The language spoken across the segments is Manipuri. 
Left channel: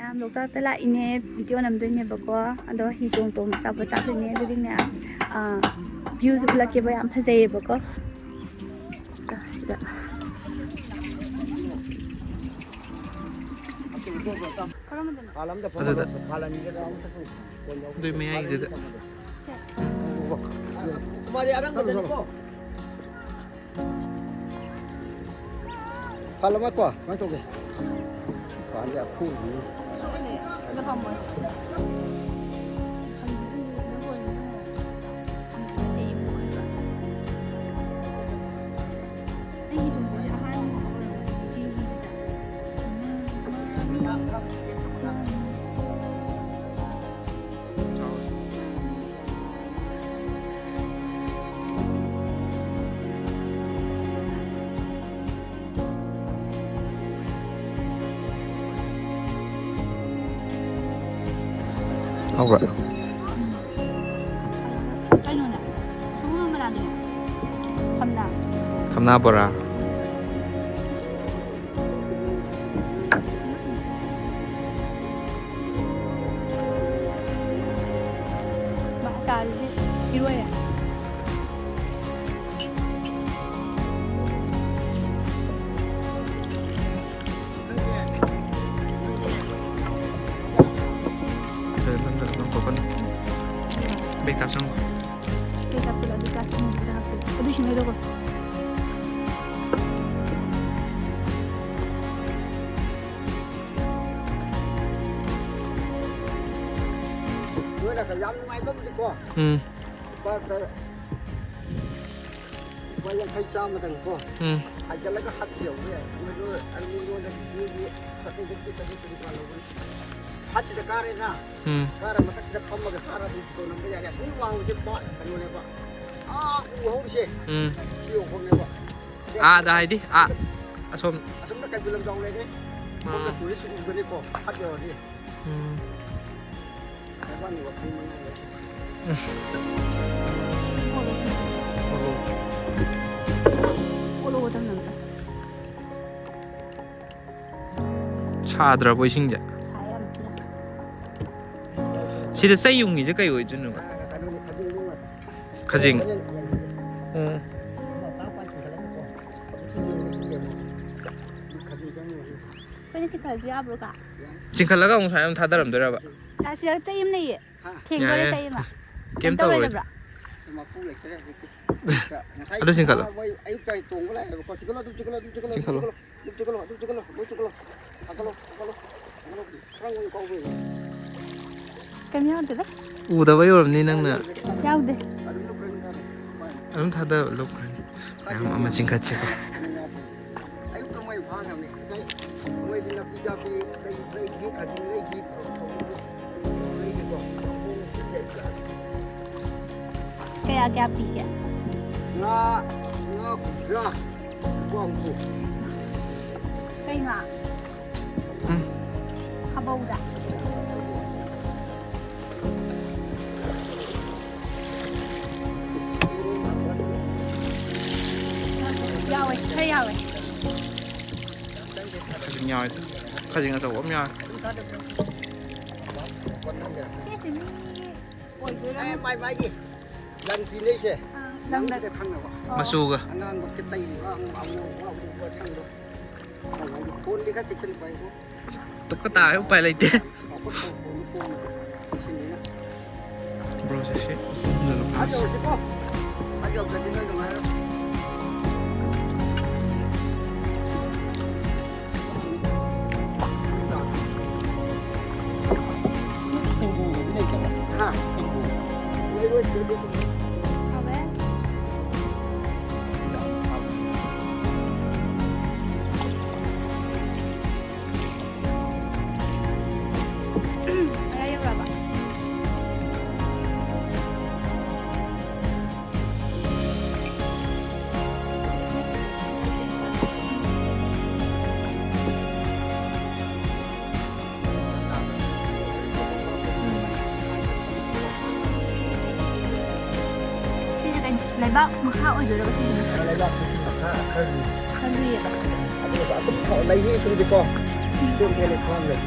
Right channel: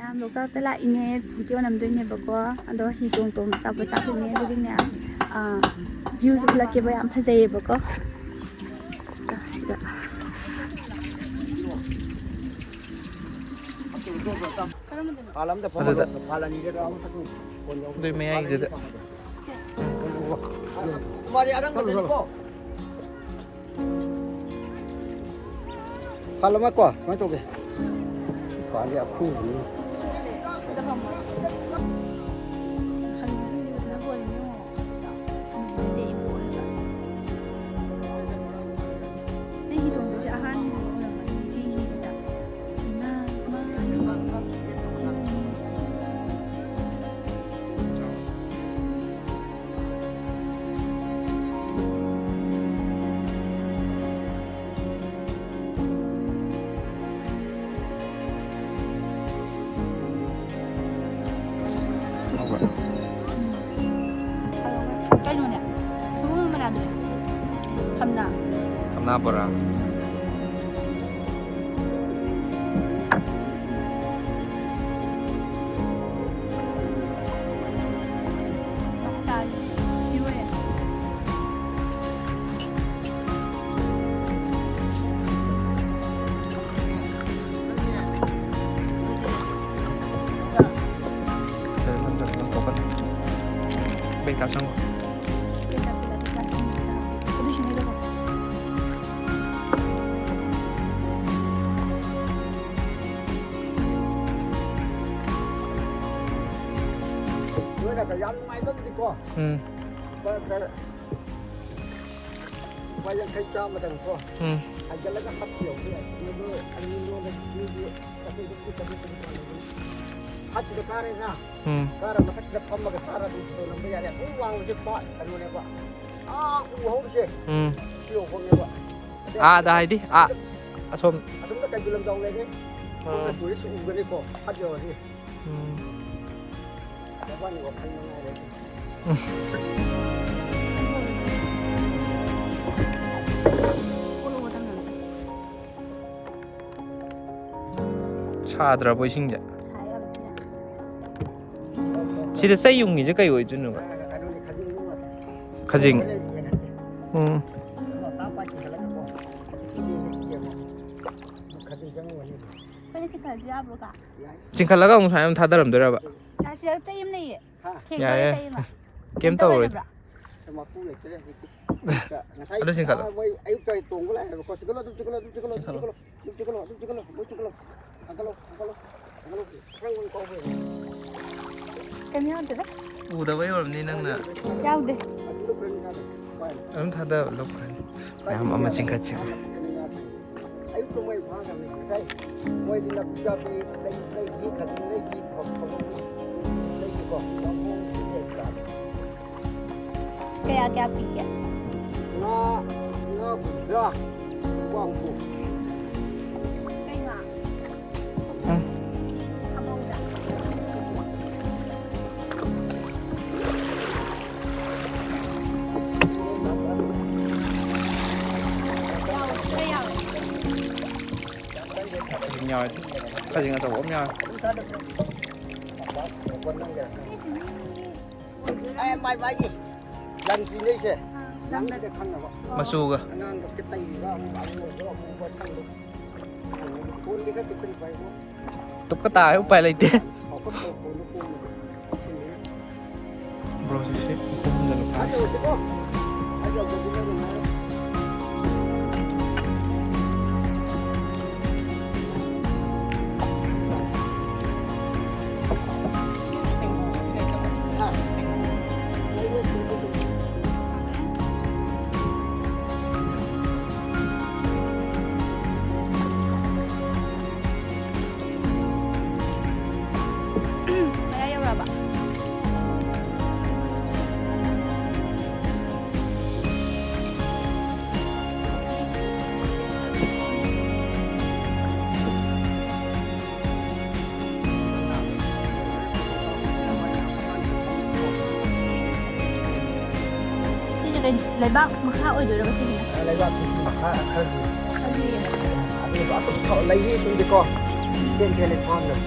ꯃꯌꯥꯝ ꯂꯣꯛꯇꯥꯛꯇ ꯂꯥꯛꯏꯅꯦ ꯚꯤꯗꯤꯑꯣ ꯅꯝꯗꯣꯏꯅꯦꯕꯀꯣ ꯑꯗꯣ ꯍꯤ ꯇꯣꯡ ꯑꯆꯥꯄꯣꯠ ꯆꯥꯗꯣꯏꯅꯦ ꯑꯗꯨꯗꯤꯅꯦ ꯚ꯭ꯌꯨꯁꯨ ꯎꯠꯂꯛꯀꯦꯕ ꯌꯥꯝ ꯐꯖꯩꯌꯦꯕꯀꯣ ꯁꯤꯗ ꯑꯗꯨꯗ ꯑꯗꯨꯏ ꯃꯌꯥꯏꯒꯤꯗꯨꯗ ꯍꯜꯂꯃ ꯀꯣ ꯀꯃꯥꯏꯅ ꯇꯧꯒꯦ ꯄꯥꯂꯦ ꯑꯈꯨꯏ ꯍꯧꯕ꯭ꯔꯥ ꯀꯩꯅꯣꯅꯦ ꯁꯒꯣꯜ ꯃꯅꯥꯗꯨꯅꯦ ꯊꯝꯅꯥ ꯕꯣꯔꯥ Nang topan bek tap sang Bữa là phải dám ngay đất đi qua. Quay lên thấy cha mà đừng qua. Anh cho lấy cái hạt chiều kia, nó đưa anh luôn là như vậy, cái giúp cái hạt chỉ cái này na. Cái mà hạt chỉ phẩm mà cái sara tụi tôi làm bây giờ là không vàng cái bọt cái luôn này bọt. Uống gì? Chiều hôm nay bọt. Đây đi. Asom. Asom nó cái gì làm dòng này đấy. Cái tuổi số uống cái này có hạt chiều gì. Cái quan này có khăn mà ngay đấy. 차더라고 이신게. 시대 쌀용이 이제 까요 있는 거. 가징. 징칼라가 온 사람 다 다름더라 봐. 사실 쩌임네. 야래. 게임 떠오. Ada singkala. Udah bayi orang ni nang na. Jauh deh. Orang tak ada lokal. Yang amat singkat cik. Ayo tu mai faham ni. Saya, mai di nak bija pi lagi kajing lagi lagi ko. Kampung kita. Kaya pikir. Nga budrak wangku. Kaya Habau dah. Kajing nhau itu. Kajing atau om nhau. Mai gì? Lần gì đây chứ? Lần đây cái thằng nào vậy? Masuk ke? Anh cái tay vào ông có mua sang được. Cuốn đi các chiếc chân quay của. Tukata không phải là thế. Họ có tổ cuốn nó cuốn này. Bro sih. Udah lepas. Ayo sih kok. Ayo jadi noi dong. lấy bác mà khao ở dưới đó thì gì lấy bác thì mặc khăn gì lấy đi xuống đi con trên thì con được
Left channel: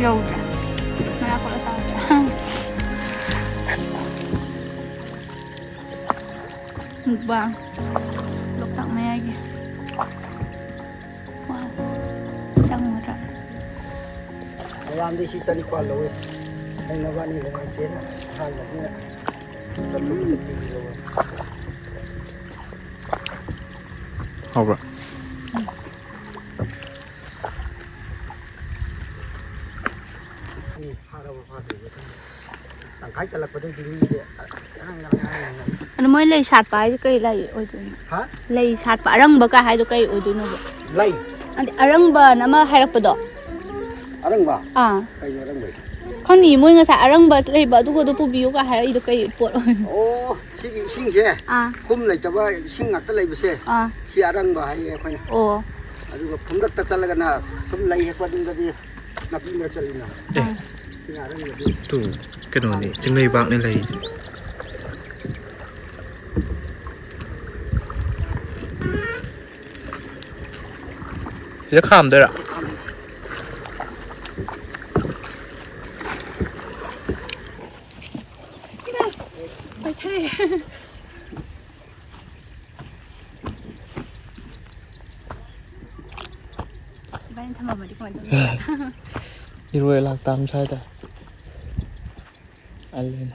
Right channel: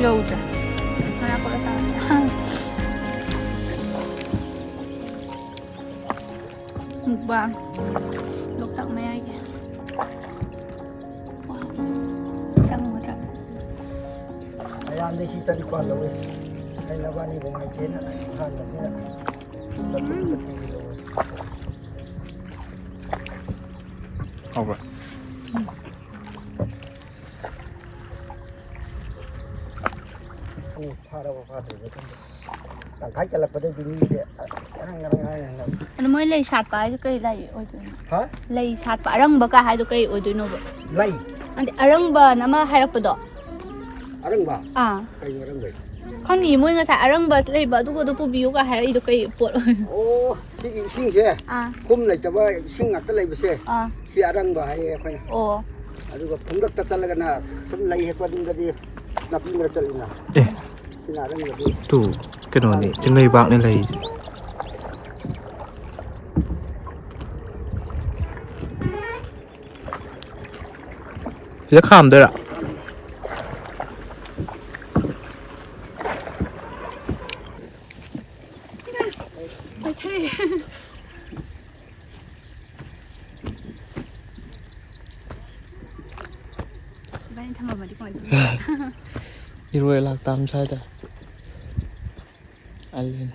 여우자. 하나 걸어서 mukbang loktak lagi sang muda Ayam di sisa di kuala weh. Yang lawan ni dengan jen, hal ni. Tapi kita tinggi loh. 好吧 Pada pada betul. Tangkai kalau pada gini dia, orang. ano mo lay chat pa ay kay lay oi tu Hah? lay chat pa arang ba ka hay do kay oi tu no ba Lain. andi arang ba na ma harak pa do Orang ba? ah Kayak orang baik. khang ni mo nga sa arang ba lay ba du ko do pu biu ka harak do kay pot Oh, sing je. ah Kum lagi coba sing ngak terlai bersih. ah Si orang bah ayah apa ni? oh Aduh, pemdak tercalar kan? Kum lagi apa dulu tadi? Nak pergi bercalina. Si orang lebih. tu cái đồ này trên đây bạn nên là rất hàm đấy ạ phải thế bạn tham mà đi coi đi rồi lạc tam sai ta anh lên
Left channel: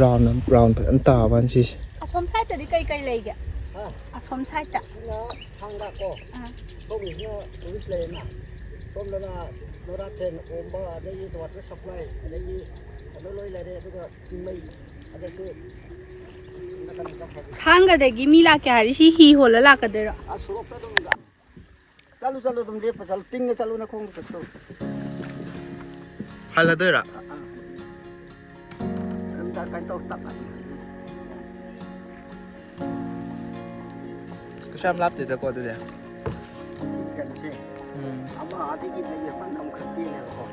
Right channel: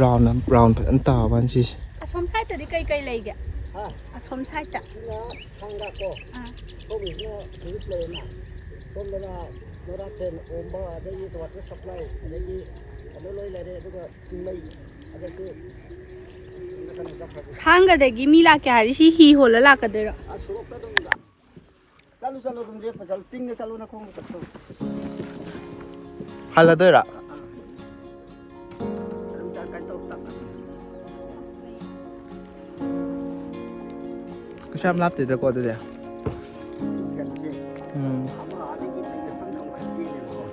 round phải ăn tàu bạn gì asom sai ta đi cây cây lay kìa Hah? asom sai ta Nó thang đã có. Không biết nó cứ lên mà. Không là nó ra thêm ôm ba đây gì tụi nó supply đây gì nó lôi lại đây tụi mày đây cái nó cần cái phải thanggadagi mi la kya ri si hi hola la ka dero à số cái đó là chalu chalu tụi đi phải chalu tinh chalu nó không được sao hay là đấy ạ chúng ta cái tàu tập cái xem lắp thì ta coi tôi đây gần thế ama ada gì đây phân công khắc gì này không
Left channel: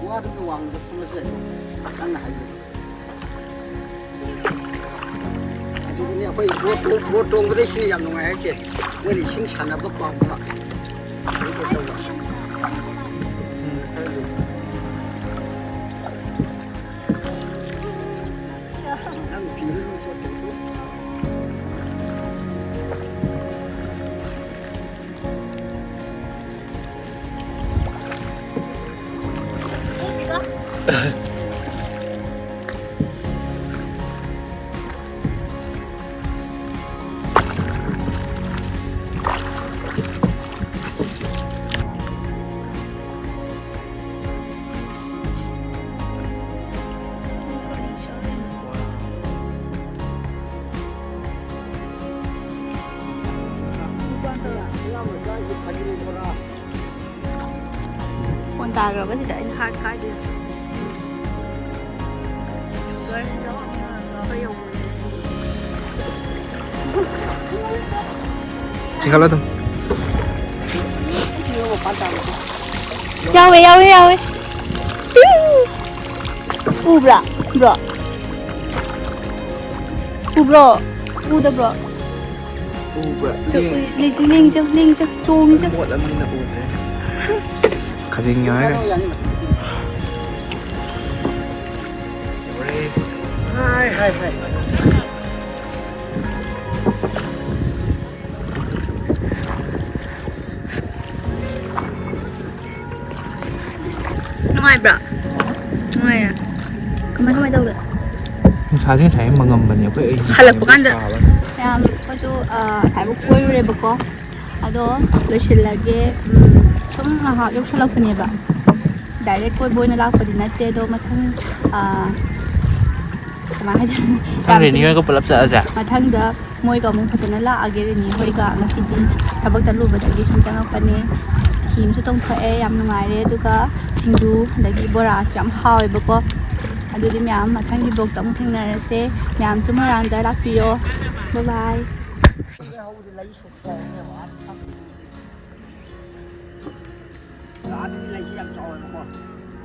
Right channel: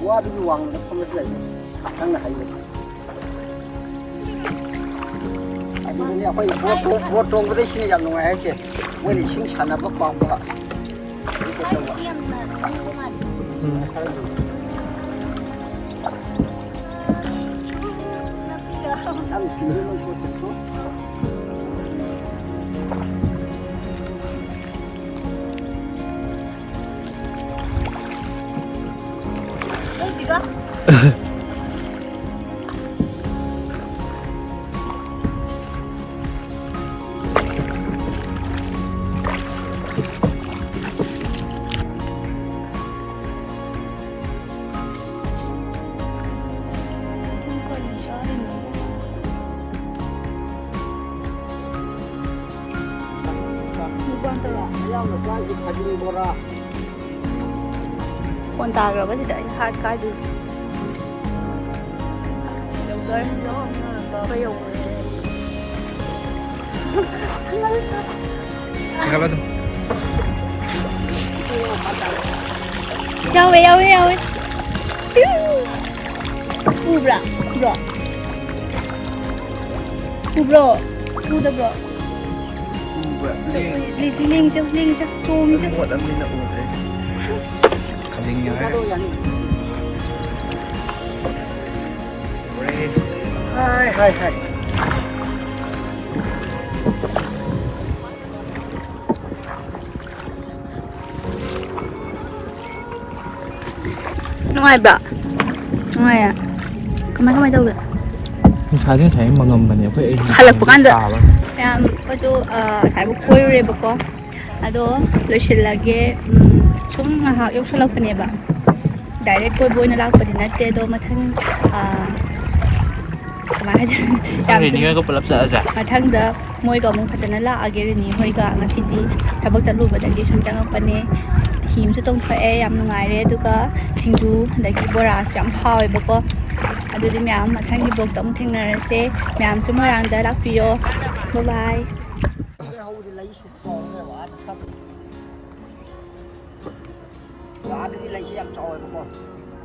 Wah, di uang dah kamu selesai. Tang dah hari. Aduh ni apa? Buat tong betul sini yang nungai aje. Wei sing sana apa apa. Ini kita buat. Đang kỹ lôi cho tự tốt. Con tà rồi thì đợi hạt cái đi dầu rồi có dầu chỉ khá là thôi nhau ấy bro da bro linh cho zoom cho một âm nên là ủ thế khá dính nhớ Hai. ngoài bro ngoài à kemana ngoài đâu vậy khá dính sáng mà ngầm là nhiều cái Halap bukan dah. Yang apa tu saya buku re beko. Ado losilage chung ha yok sala phane ba. Direct koi boy na lak padi na te do mathang kemana aja. Yang ini ko pelap sa aja. Mathang da moi ka mung phasana la age re ni hoi ka ngasi di thabak chalu ba dagi sum chang pane. Him su tong thae yam nungai re du ka thingdu dagi bora syam hawi beko. Aduh di miam mathang di blog tam thing na se miam su marang da lak piyo. Bye bye. ꯍꯧꯕꯗꯤ ꯂꯩ ꯁꯨꯛ ꯆꯥꯎꯅꯦꯕ ꯑꯥꯗ ꯊꯝ ꯑꯥꯗꯗꯤ ꯂꯩꯁꯤ ꯌꯥꯝ ꯆꯥꯎꯋꯦꯕꯀꯣ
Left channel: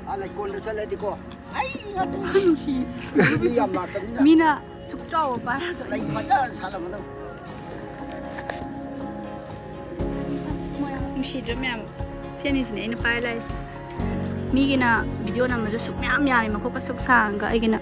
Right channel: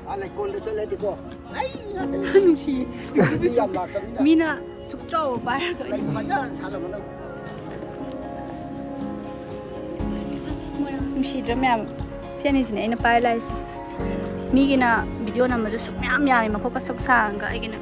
ꯑꯥ ꯂꯩꯀꯣꯜꯗ ꯆꯠꯂꯗꯤꯀꯣ ꯑꯩ ꯉꯥꯛꯇꯅꯤ ꯌꯥꯝ ꯂꯥꯛꯀꯅꯤꯅ ꯃꯤꯅ ꯁꯨꯛ ꯆꯥꯎꯕ ꯄꯥꯏꯔꯒ ꯂꯩ ꯐꯖꯅ ꯁꯥꯔꯝꯒꯗꯕ ꯅꯨꯡꯁꯤꯗ꯭ꯔꯥ ꯃꯌꯥꯝ ꯁꯦꯅꯤꯁꯤꯅꯦ ꯑꯩꯅ ꯄꯥꯏꯔ ꯂꯥꯛꯏꯁꯦ ꯃꯤꯒꯤꯅ ꯚꯤꯗꯤꯑꯣ ꯅꯝꯕꯁꯨ ꯁꯨꯛ ꯃꯌꯥꯝ ꯌꯥꯝꯃꯤ ꯃꯈꯣꯛꯀ ꯁꯨꯛ ꯁꯥꯡꯒ ꯑꯩꯒꯤꯅ